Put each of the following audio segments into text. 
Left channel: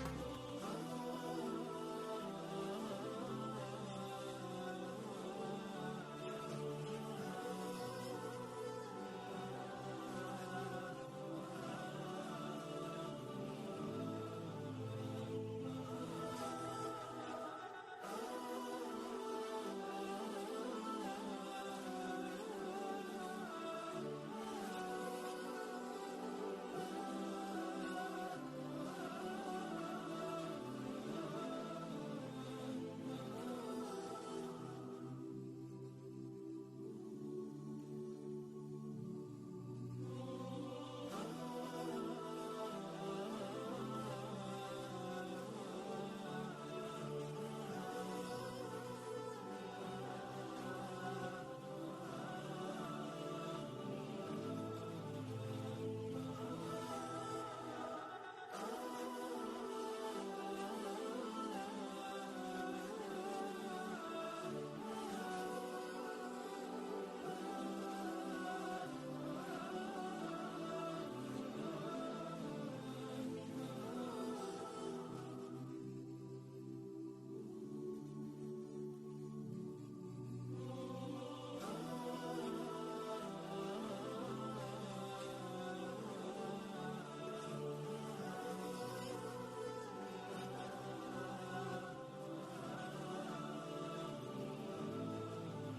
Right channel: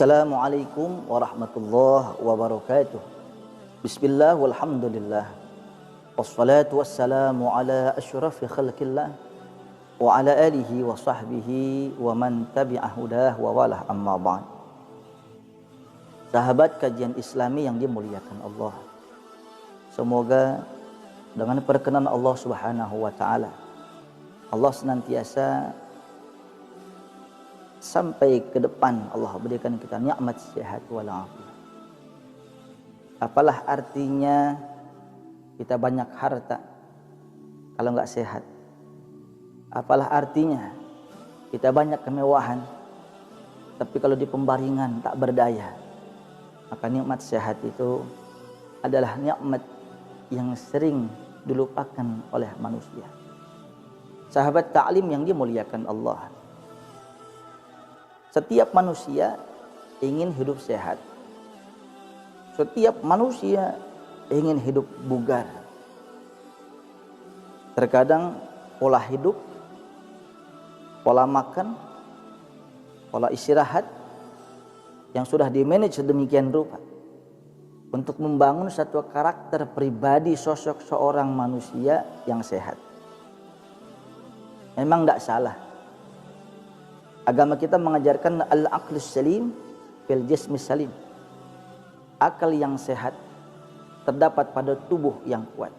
Assalamualaikum warahmatullahi wabarakatuh. Bismillah walhamdulillah. Wassalatu wassalamu ala asyrafi khalqillah wa ala alihi wa sahbihi wa man tabi'ah hudah wa walah amma ba'd. Sahabat kajian Islami yang dimuliakan Allah, semoga dengan perkenan Allah Subhanahu wa taala, Allah senantiasa sampai ke depan Allah berikan kita nikmat sehat walafiat. Apalah artinya kita banyak harta kalau nggak sehat? Apalah artinya kita banyak kemewahan tapi kalau di pembaringan tak berdaya? Maka nikmat sehat itu adalah nikmat yang sering dilupakan oleh manusia. Sahabat ta'lim yang dimuliakan Allah, setiap manusia ingin hidup sehat. Setiap manusia ingin hidup bugar. Terkadang pola hidup, pola makan, pola istirahat yang sudah dimanage sedemikian rupa untuk membangun satu karakter pribadi sosok seorang manusia yang sehat. Memang tidak salah. Agama kita mengajarkan al-aqlus salim fil jismis salim. Akal yang sehat terdapat pada tubuh yang kuat.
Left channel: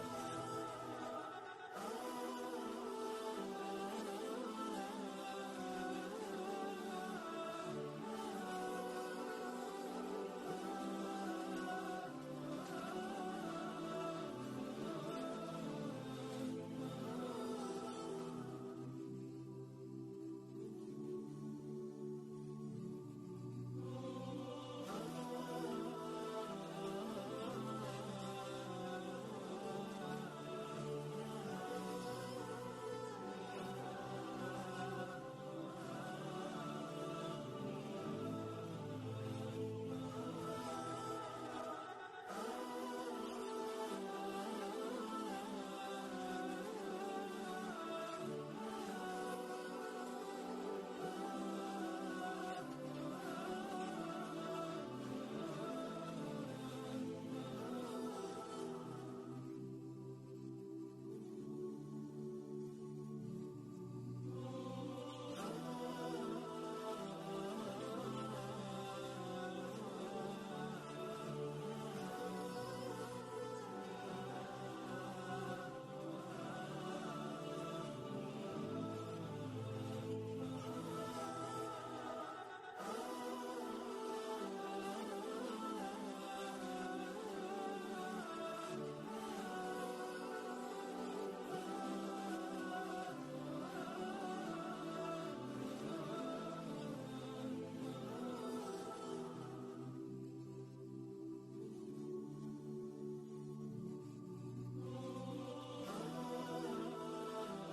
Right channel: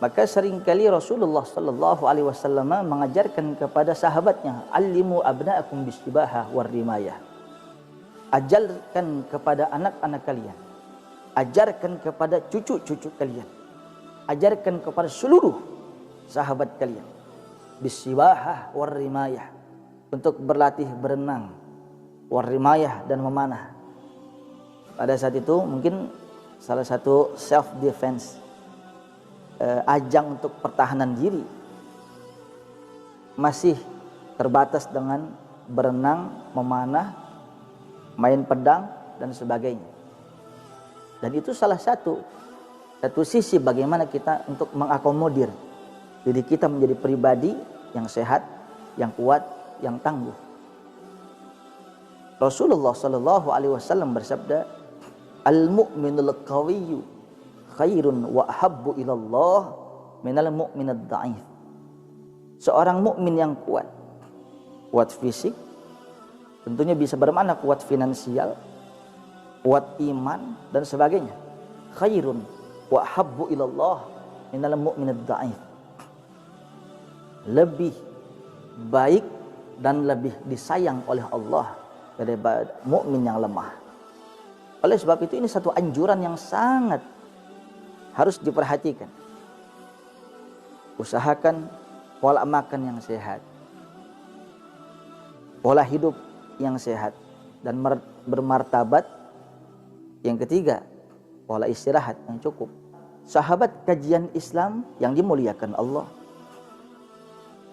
Maka seringkali Rasulullah sallallahu alaihi wasallam mengajarkan kepada sahabatnya, "Allimu abna'akum bisibahah war rimayah." Ajarkan kepada anak-anak kalian, ajarkan kepada cucu-cucu kalian, ajarkan kepada seluruh sahabat kalian bisibahah war rimayah, untuk berlatih berenang, war rimayah, dan memanah. Pada saat itu mungkin salah satu self defense, ajang untuk pertahanan diri, masih terbatas dengan berenang, memanah, main pedang dan sebagainya. Dan itu salah satu sisi bagaimana kita untuk mengakomodir diri kita menjadi pribadi yang sehat, yang kuat, yang tangguh. Rasulullah sallallahu alaihi wasallam bersabda, "Al-mu'minul qawiyyu khairun wa ahabbu ilallah minal mu'minad dha'if." Seorang mukmin yang kuat, kuat fisik, tentunya bisa bermakna kuat finansial, kuat iman dan sebagainya. Khairun wa ahabbu ilallah minal mu'minad dha'if. Lebih baik dan lebih disayang oleh Allah daripada mukmin yang lemah. Oleh sebab itu ini satu anjuran yang sangat harus diperhatikan. Usahakan pola makan yang sehat, pola hidup yang sehat dan bermartabat. Yang ketiga, pola istirahat yang cukup. Sahabat kajian Islam yang dimuliakan Allah,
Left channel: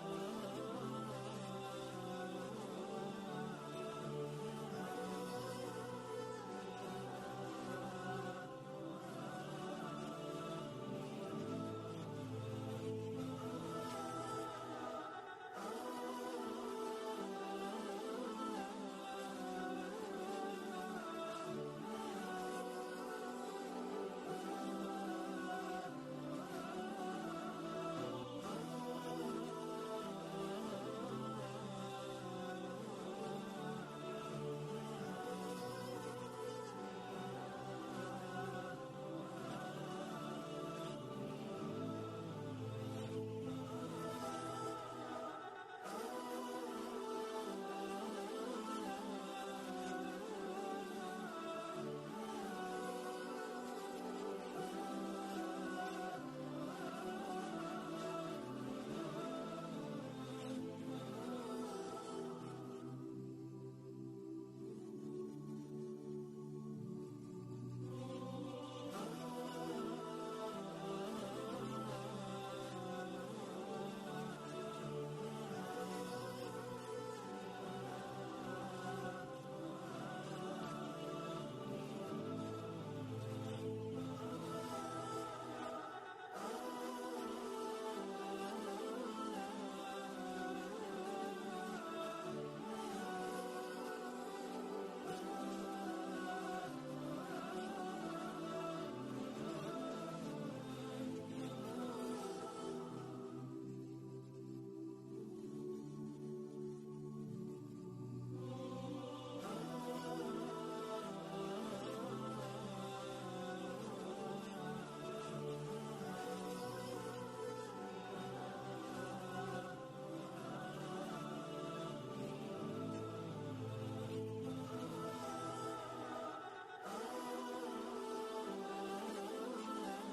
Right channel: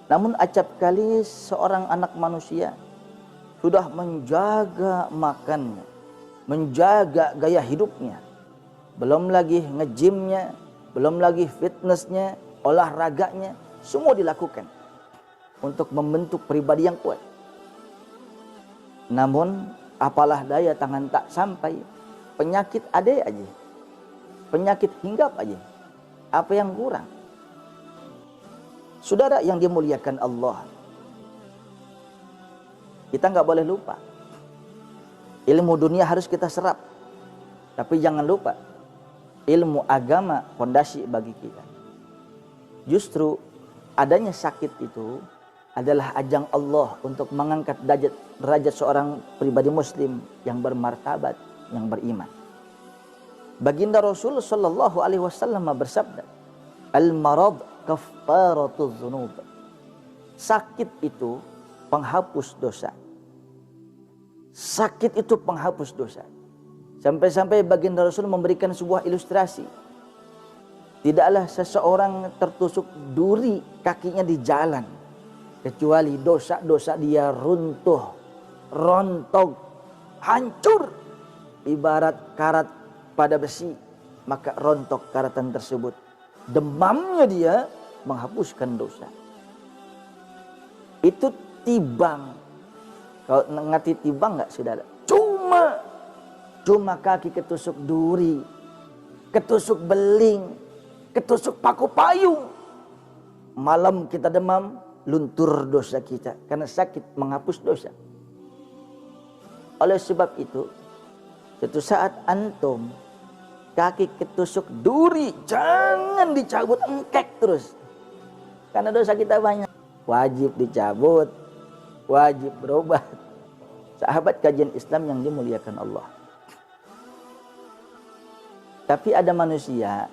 namun acap kali seorang anak manusia sudah menjaga makannya, menjaga gaya hidupnya, belum lagi nge-gymnya, belum lagi fitnessnya, olahraganya, semua dilakukan untuk membentuk pribadi yang kuat. Namun apalah daya tangan tak sampai, penyakit ada aja, penyakit hinggap aja. Apa yang kurang? Saudara yang dimuliakan Allah, kita nggak boleh lupa, ilmu dunia harus kita serap, tapi jangan lupa ilmu agama fondasi bagi kita. Justru adanya sakit itu adalah ajang Allah untuk mengangkat derajat seorang pribadi muslim yang bermartabat, yang beriman. Baginda Rasul sallallahu alaihi wasallam bersabda, "Al-marad kaffaratuz dzunub." Sakit itu penghapus dosa. Sakit itu penghapus dosa. Sampai-sampai baginda Rasul memberikan sebuah ilustrasi. Tidaklah seseorang tertusuk duri kakinya di jalan, kecuali dosa-dosa dia runtuh, rontok, hancur. Ibarat karat pada besi, maka rontok karatan tersebut. Demamnya dia menghapuskan dosa. Itu timbang Kau ngati timbang nggak saudara? Cuma kaki ketusuk duri, ketusuk beling, ketusuk paku payung. Malam kita demam, luntur dosa kita. Karena sakit menghapus dosa. Oleh sebab itu saat antum kaki ketusuk duri, jangan dicabut, engkek terus. Karena dosa kita banyak. Wajib dicabut, wajib berobat. Sahabat kajian Islam yang dimuliakan Allah. Tapi ada manusia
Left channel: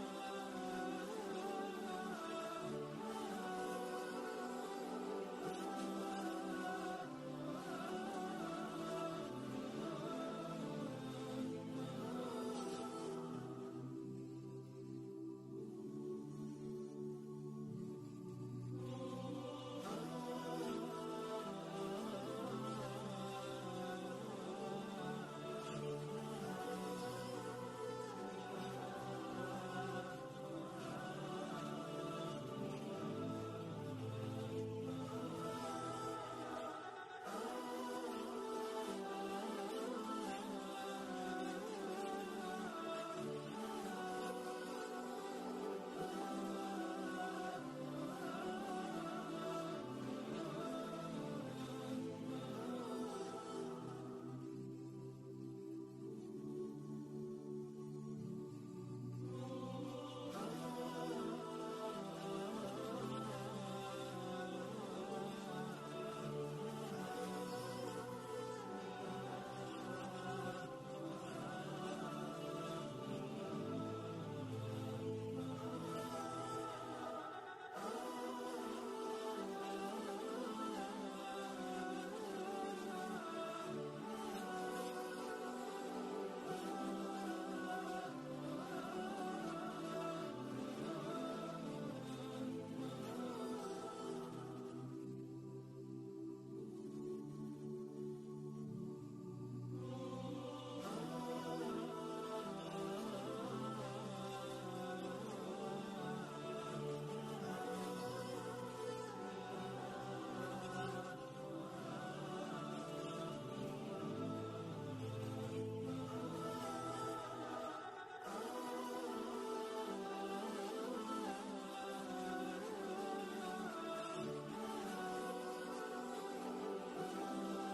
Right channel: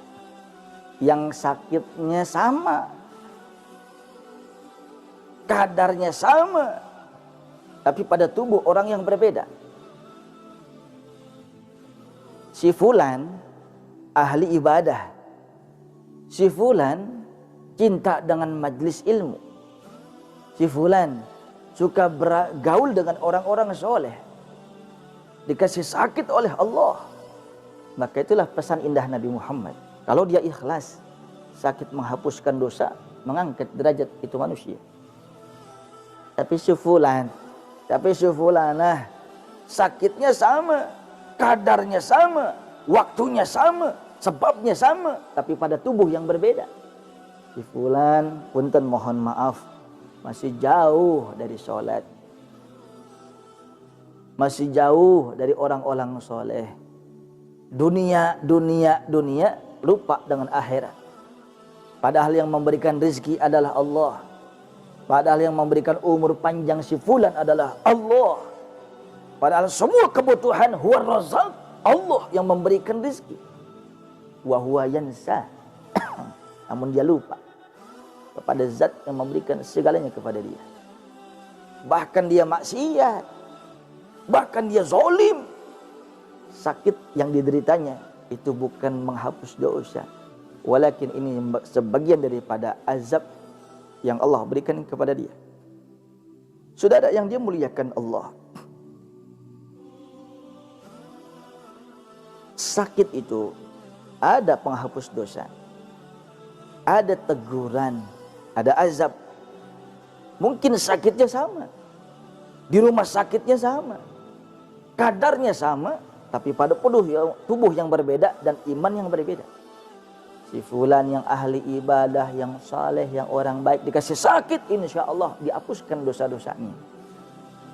yang sakitnya sama, kadarnya sama, tapi pada tubuh orang yang berbeda. Si fulan ahli ibadah, si fulan cinta dengan majlis ilmu, si fulan suka bergaul dengan orang-orang soleh, dikasih sakit oleh Allah. Maka itulah pesan indah Nabi Muhammad. Kalau dia ikhlas, sakit menghapuskan dosa, mengangkat derajat itu manusia. Tapi si fulanah, sakitnya sama, kadarnya sama, waktunya sama, sebabnya sama, tapi pada tubuh yang berbeda. Si fulan, punten mohon maaf, masih jauh dari sholat, masih jauh dari orang-orang soleh. Dunia, lupa dengan akhirat. Padahal yang memberikan rezeki adalah Allah. Padahal yang memberikan umur panjang si fulan adalah Allah. Padahal semua kebutuhan huwa razzaq, Allah yang memberikan rezeki. Wa huwa yansa. Namun dia lupa kepada zat yang memberikan segalanya kepada dia. Bahkan dia maksiat, bahkan dia zalim. Sakit yang dideritanya itu bukan menghapus dosa, walakin ini sebagian daripada azab yang Allah berikan kepada dia. Saudara yang dimuliakan Allah, sakit itu ada penghapus dosa, ada teguran, ada azab. Mungkin sakitnya sama, di rumah sakitnya sama, kadarnya sama, tapi pada tubuh yang berbeda dan iman yang berbeda. Si fulan yang ahli ibadah, yang saleh, yang orang baik dikasih sakit, insya Allah dihapuskan dosa-dosanya.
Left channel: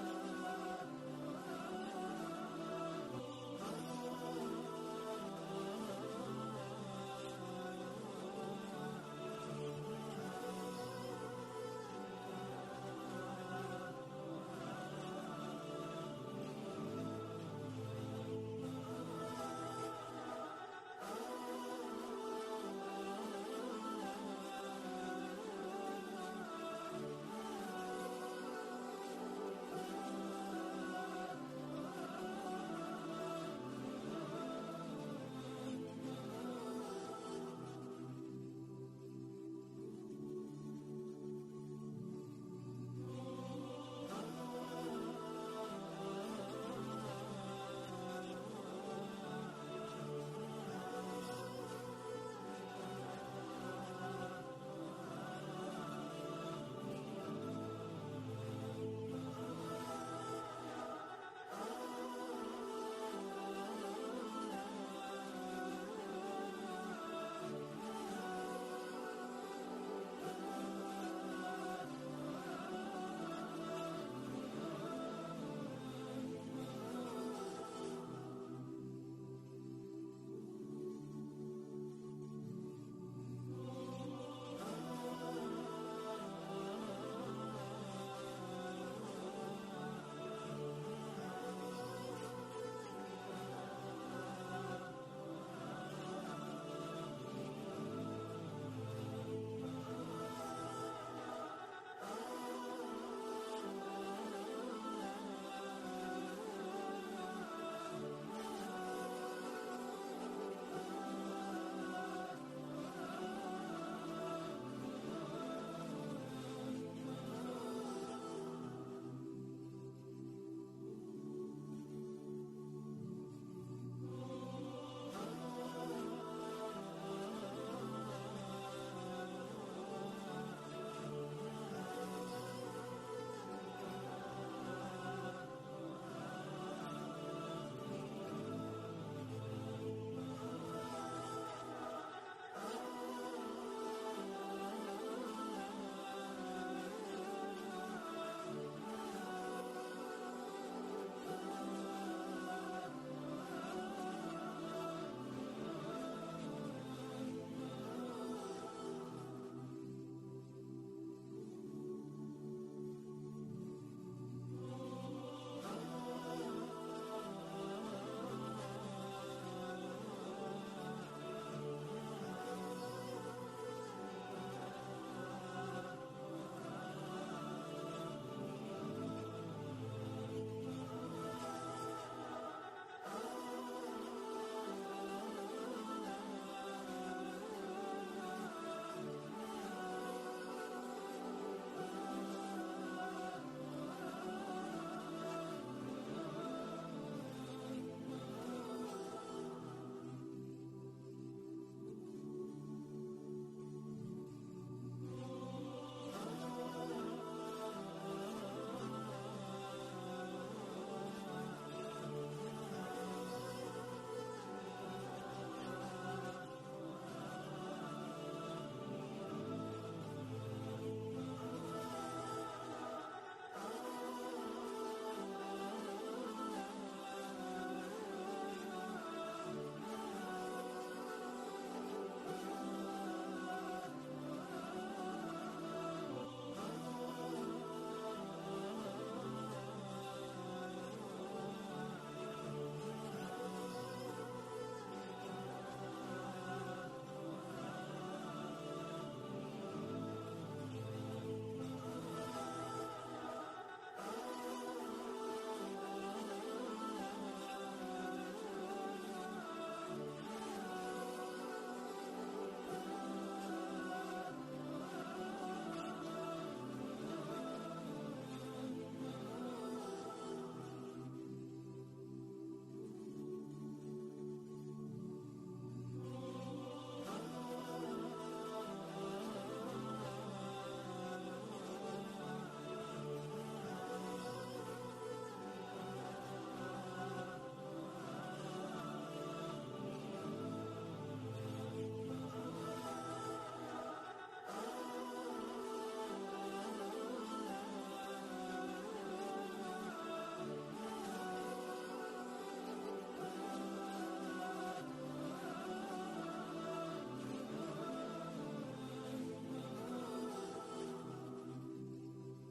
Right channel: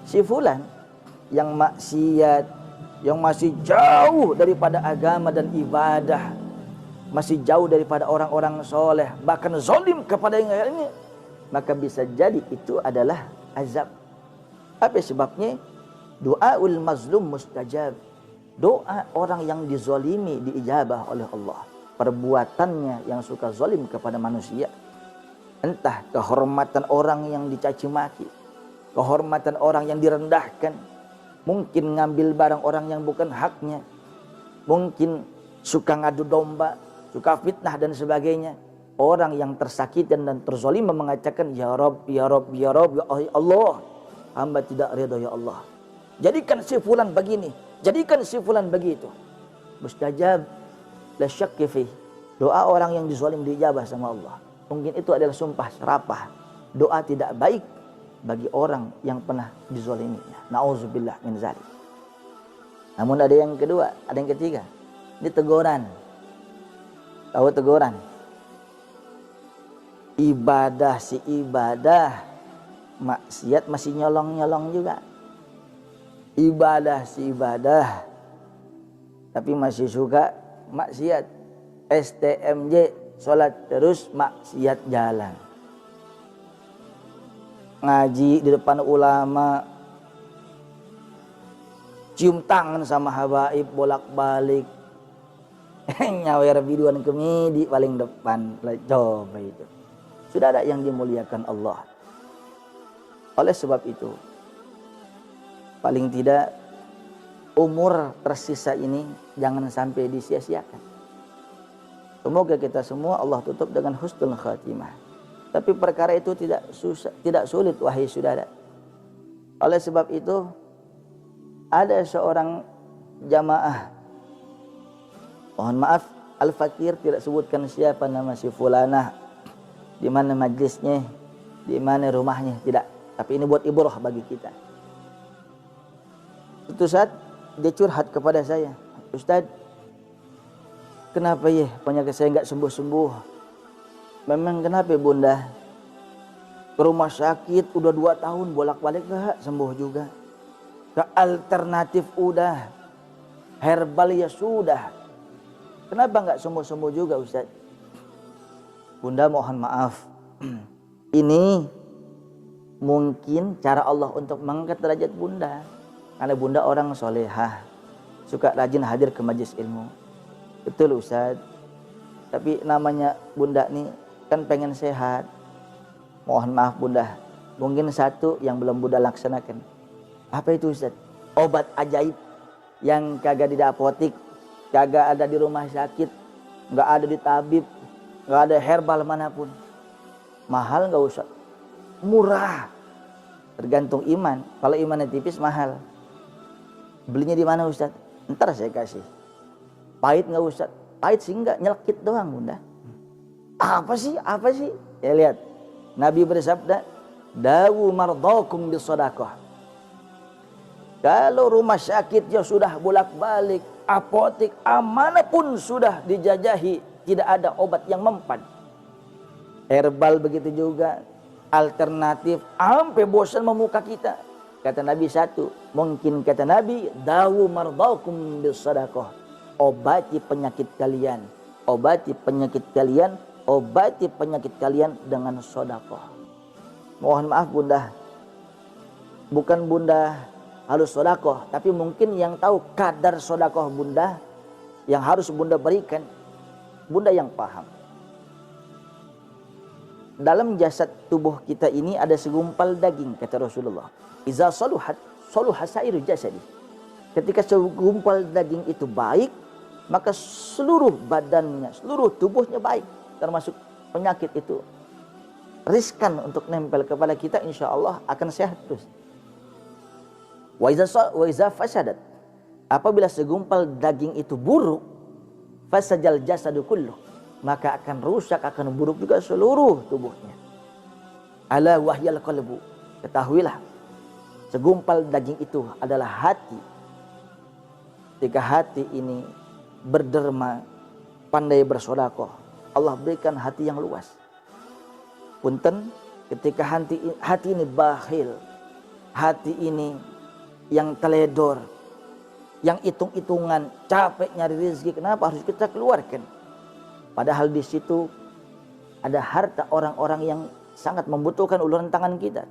Si fulan yang maksiat, yang masih jauh daripada agama dan ibadah, masih jauh daripada orang-orang soleh, bahkan zalim kepada yang lainnya, maka bisa jadi itu adalah azab. Apa sebabnya? Doaul mazlum mustajab. Doa orang yang dizalimi diijabah oleh Allah. Perbuatannya yang suka zalim kepada manusia, entah kehormatan orang yang dicaci maki, kehormatan orang yang direndahkan, mungkin ngambil barang orang yang bukan haknya, mungkin suka ngadu domba, suka fitnah dan sebagainya. Orang yang tersakiti dan terzalim mengatakan, ya Rabb, ya Rabb, ya Rabb, ya Allah, hamba tidak ridha ya Allah. Jadikan si fulan begini, jadikan si fulan begitu. Mustajab la syakki fi. Doa orang yang dizalim diijabah sama Allah. Mungkin itu adalah sumpah serapah. Doa tidak baik bagi orang yang pernah dizaliminya. Nauzubillah min zalik. Namun ada yang kedua, ada yang ketiga. Ini teguran. Tahu teguran? Ibadah si ibadah, maksiat masih nyolong-nyolong juga. Ibadah si ibadah, tapi masih suka maksiat. STMJ, sholat terus, maksiat jalan. Ngaji di depan ulama, cium tangan sama habaib bolak-balik, nyawer biduan kemidi paling depan. Coba itu. Sudah ada yang dimuliakan Allah. Oleh sebab itu, paling tidak umur tersisa ini jangan sampai disia-siakan. Semoga kita semua Allah tutup dengan husnul khatimah. Tapi perkara itu tidak sulit wahai saudara. Oleh sebab itu ada seorang jamaah, mohon maaf al-fakir tidak sebutkan siapa nama si fulanah, di mana majlisnya, di mana rumahnya, tidak. Tapi ini buat ibrah bagi kita. Suatu saat dia curhat kepada saya, Ustaz, kenapa ya penyakit saya nggak sembuh-sembuh? Memang kenapa bunda? Ke rumah sakit udah 2 tahun bolak-balik gak sembuh juga. Ke alternatif udah, herbal ya sudah. Kenapa nggak sembuh-sembuh juga Ustaz? Bunda mohon maaf. Ini mungkin cara Allah untuk mengangkat derajat bunda. Karena bunda orang solehah, suka rajin hadir ke majelis ilmu. Betul Ustaz. Tapi namanya bunda nih kan pengen sehat. Mohon maaf bunda, mungkin satu yang belum bunda laksanakan. Apa itu Ustaz? Obat ajaib yang kagak di apotik, kagak ada di rumah sakit, nggak ada di tabib, nggak ada herbal manapun. Mahal nggak usah, murah. Tergantung iman. Kalau imannya tipis mahal. Belinya di mana Ustaz? Ntar saya kasih. Pahit nggak Ustaz? Pahit sih enggak, nyelkit doang bunda. Apa sih? Apa sih? Ya lihat. Nabi bersabda, dawu mardakum bisadaqah. Kalau rumah sakit ya sudah bolak-balik, apotek amanapun sudah dijajahi, tidak ada obat yang mempan. Herbal begitu juga, alternatif, sampai bosan memuka kita. Kata Nabi satu, mungkin kata Nabi, dawu mardakum bisadaqah. Obati penyakit kalian, obati penyakit kalian, obati penyakit kalian dengan sedekah. Mohon maaf bunda, bukan bunda harus sedekah, tapi mungkin yang tahu kadar sedekah bunda yang harus bunda berikan, bunda yang paham. Dalam jasad tubuh kita ini ada segumpal daging, kata Rasulullah. Iza saluhat, saluha sairu jasadi. Ketika segumpal daging itu baik, maka seluruh badannya, seluruh tubuhnya baik. Termasuk penyakit itu riskan untuk nempel kepada kita, insya Allah akan sehat terus. Wa iza fasadat, apabila segumpal daging itu buruk, fasajal jasadu kulluh, maka akan rusak, akan buruk juga seluruh tubuhnya. Ala wahyal qalbu, ketahuilah segumpal daging itu adalah hati. Ketika hati ini berderma, pandai bersedekah, Allah berikan hati yang luas. Punten, ketika hati ini bakhil, hati ini yang teledor, yang hitung-hitungan, capek nyari rezeki, kenapa harus kita keluarkan? Padahal di situ ada harta orang-orang yang sangat membutuhkan uluran tangan kita.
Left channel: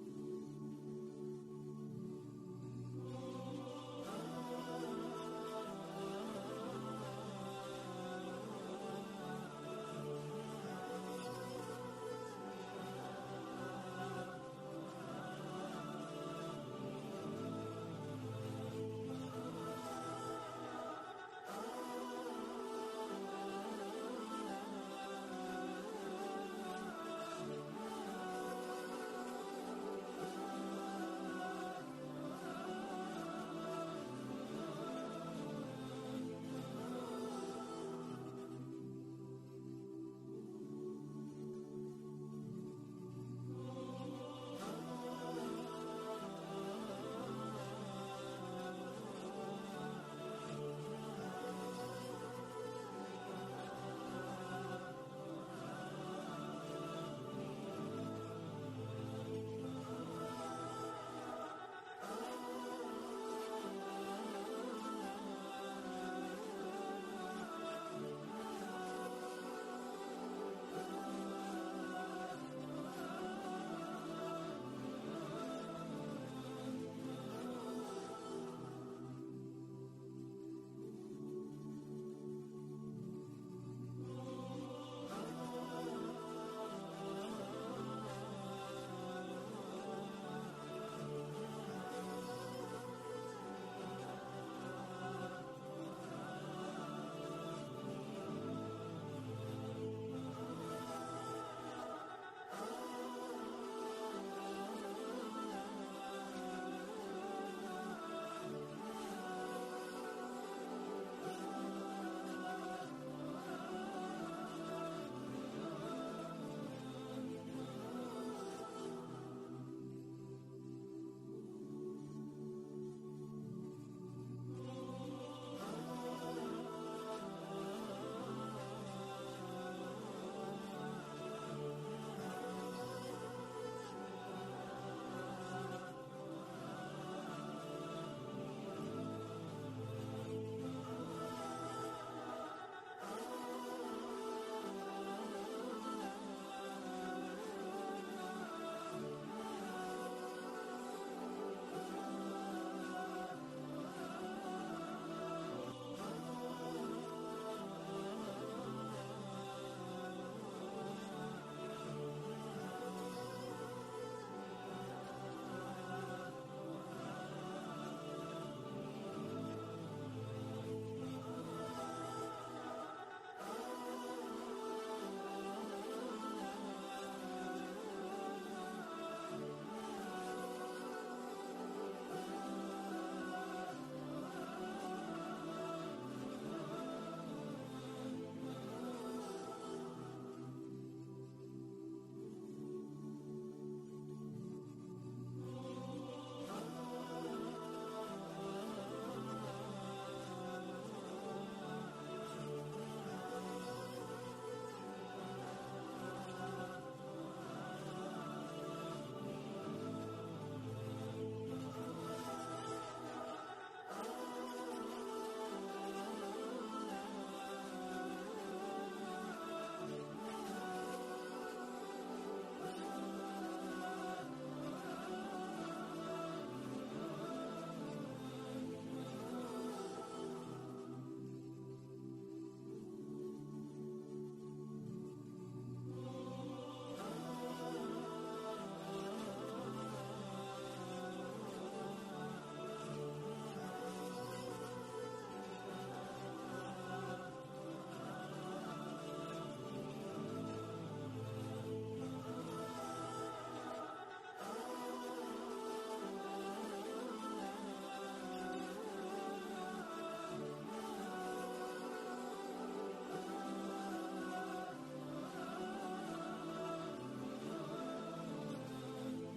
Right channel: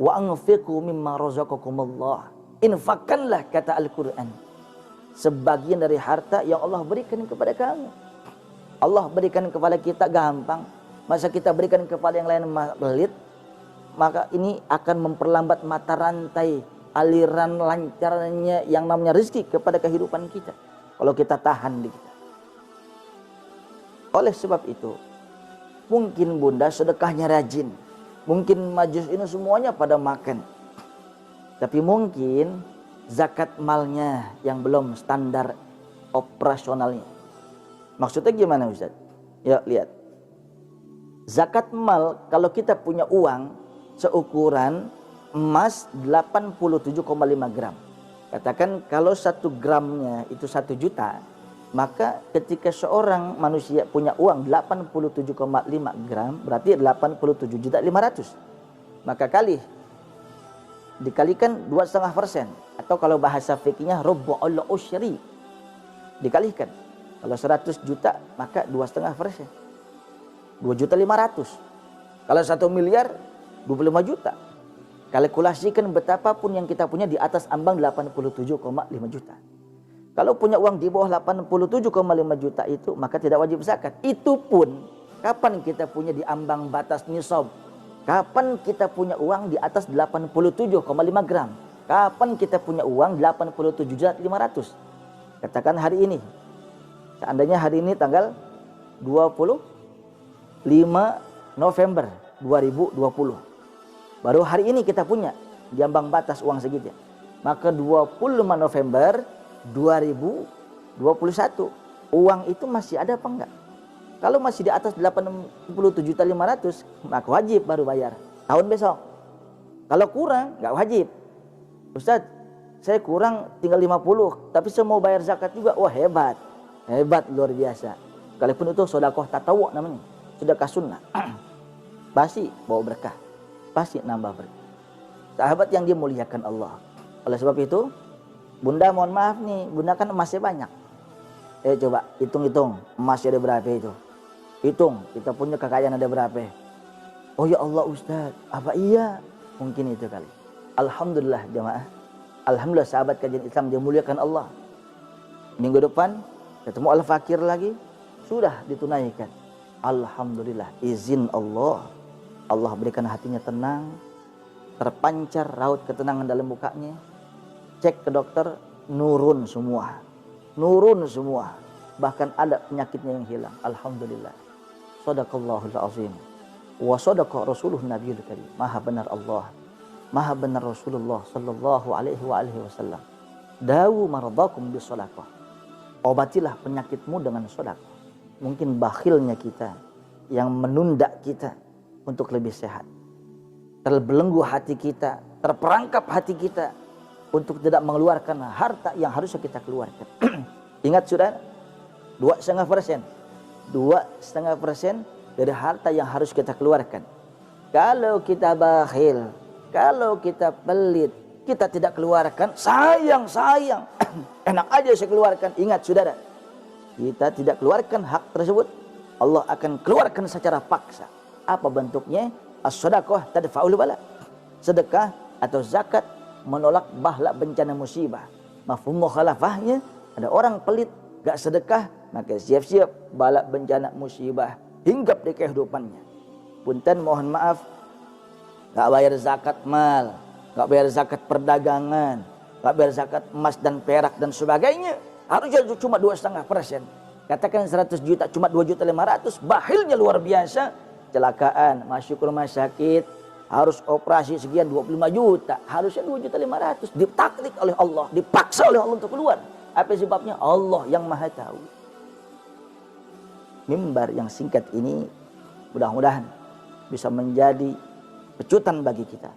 Wa anfiqu mimma razaqakumullah. Infakkanlah, kata Al-Quran, sebagian dari harta yang Allah berikan kepada kamu. Allah berikan kepada kita gampang, masa kita berikan kepada yang lain pelit? Maka ini akan memperlambat mata rantai aliran lancarnya yang namanya rezeki kepada kehidupan kita kalau kita tahan di kita. Oleh sebab itu, mungkin bunda sedekahnya rajin, mungkin majelis ini semuanya pada makan, tapi mungkin zakat malnya yang belum standar operasionalnya. Maksudnya gimana Ustaz? Ya lihat, zakat mal kalau kita punya uang seukuran emas 87,5 gram, katakan kalau 1 gramnya itu 1 juta, maka ketika seorang manusia punya uang 87,5 gram, berarti 87.500.000. Maka dikalikan 2,5%, atau kalau bahasa fikihnya rubu'ul usyri, dikalikan. Kalau 100 juta maka 2,5%, 2.500.000. Kalau 1 miliar 25 juta. Kalkulasikan betapapun yang kita punya di atas ambang 87,5 juta. Kalau punya uang di bawah 87,5 juta itu, maka tidak wajib zakat. Itu pun kapan kita punya di ambang batas nisab? Kapan kita punya uang di atas 87,5 gram? Kapan kita punya uang 87.500.000? Katakan hari ini. Seandainya hari ini tanggal 25 November 2020. Baru hari ini kita punya di ambang batas uang segitu. Maka 25 November 2021, uang itu masih ada apa enggak? Kalau masih di atas 87.500.000, maka wajib baru bayar tahun besok. Kalau kurang enggak wajib. Ustaz, saya kurang tinggal 50, tapi saya mau bayar zakat juga. Wah hebat, hebat luar biasa. Sekalipun itu sedekah tatawwu namanya, sedekah sunnah. Pasti bawa berkah, pasti nambah berkah. Sahabat yang dimuliakan Allah. Oleh sebab itu, Bunda mohon maaf nih, Bunda kan emasnya banyak. Coba hitung-hitung emasnya ada berapa itu. Hitung, kita punya kekayaan ada berapa. Oh ya Allah Ustaz, apa iya? Mungkin itu kali. Alhamdulillah jamaah. Alhamdulillah sahabat kajian Islam dimuliakan Allah. Minggu depan ketemu Al-Fakir lagi, sudah ditunaikan. Alhamdulillah, izin Allah. Allah berikan hatinya tenang, terpancar raut ketenangan dalam mukanya. Cek ke dokter, nurun semua. Nurun semua. Bahkan ada penyakitnya yang hilang. Alhamdulillah. Shadaqallahul azim. Wa shadaqa rasuluh nabiyul karim. Maha benar Allah. Maha benar Rasulullah sallallahu alaihi wasallam. Dawu maradakum bisadaqah. Obatilah penyakitmu dengan sedekah. Mungkin bakhilnya kita yang menunda kita untuk lebih sehat. Terbelenggu hati kita, terperangkap hati kita untuk tidak mengeluarkan harta yang harusnya kita keluarkan. Ingat sudah, 2,5%. 2,5% dari harta yang harus kita keluarkan. Kalau kita bakhil, kalau kita pelit, kita tidak keluarkan, sayang. Enak aja saya keluarkan. Ingat saudara, kita tidak keluarkan hak tersebut, Allah akan keluarkan secara paksa. Apa bentuknya? As-sadaqah tadfa'ul bala. Sedekah atau zakat menolak bahla bencana musibah. Mafhum mukhalafahnya, ada orang pelit, gak sedekah, maka siap-siap bala bencana musibah hinggap di kehidupannya. Punten mohon maaf, gak bayar zakat mal, gak bayar zakat perdagangan, gak bayar zakat emas dan perak dan sebagainya, harusnya cuma 2,5%. Katakan 100 juta cuma 2.500.000, bakhilnya luar biasa. Kecelakaan, masuk ke rumah sakit, harus operasi sekian 25 juta, harusnya 2.500.000. Ditaklik oleh Allah, dipaksa oleh Allah untuk keluar. Apa sebabnya? Allah yang maha tahu. Mimbar yang singkat ini mudah-mudahan bisa menjadi pecutan bagi kita,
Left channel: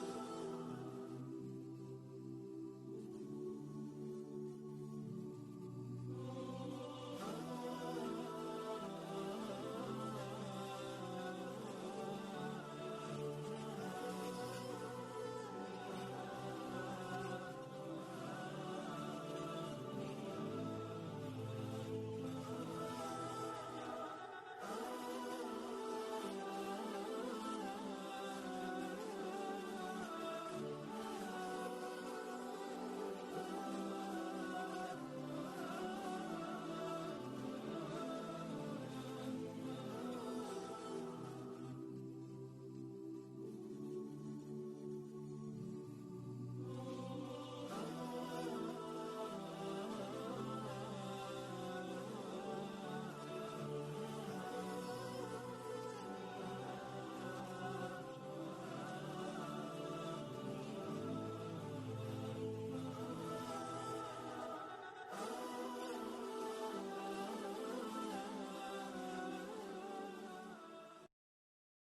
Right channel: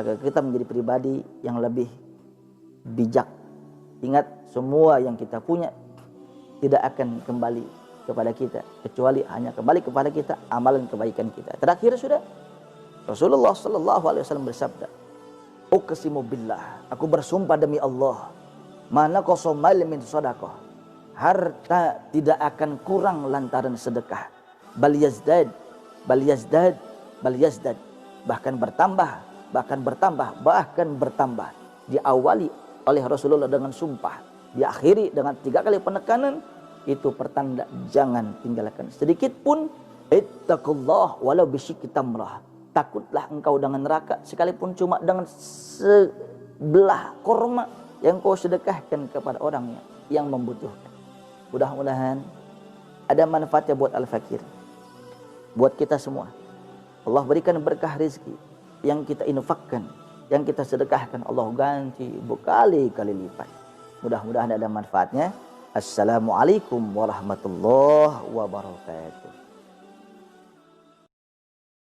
agar kita menjadi pribadi yang lebih bijak. Ingat, semua yang kita punya tidak akan kembali kepada kita, kecuali hanya kembali kepada kita amalan kebaikan kita. Terakhir sudah, Rasulullah sallallahu alaihi wasallam bersabda, "Uqsimu billah, aku bersumpah demi Allah, mana qasamal min shadaqah, harta tidak akan kurang lantaran sedekah, bal yazdad, bahkan bertambah. Diawali oleh Rasulullah dengan sumpah, diakhiri dengan 3 kali penekanan. Itu pertanda jangan tinggalkan sedikit pun. Ittaqullah walau bisyikki tamrah, takutlah engkau dengan neraka sekalipun cuma dengan sebelah korma yang kau sedekahkan kepada orang yang membutuhkan. Mudah-mudahan ada manfaatnya buat Al-Fakir, buat kita semua. Allah berikan berkah rezeki yang kita infakkan, yang kita sedekahkan, Allah ganti berkali-kali lipat. Mudah-mudahan ada manfaatnya. Assalamualaikum warahmatullahi wabarakatuh.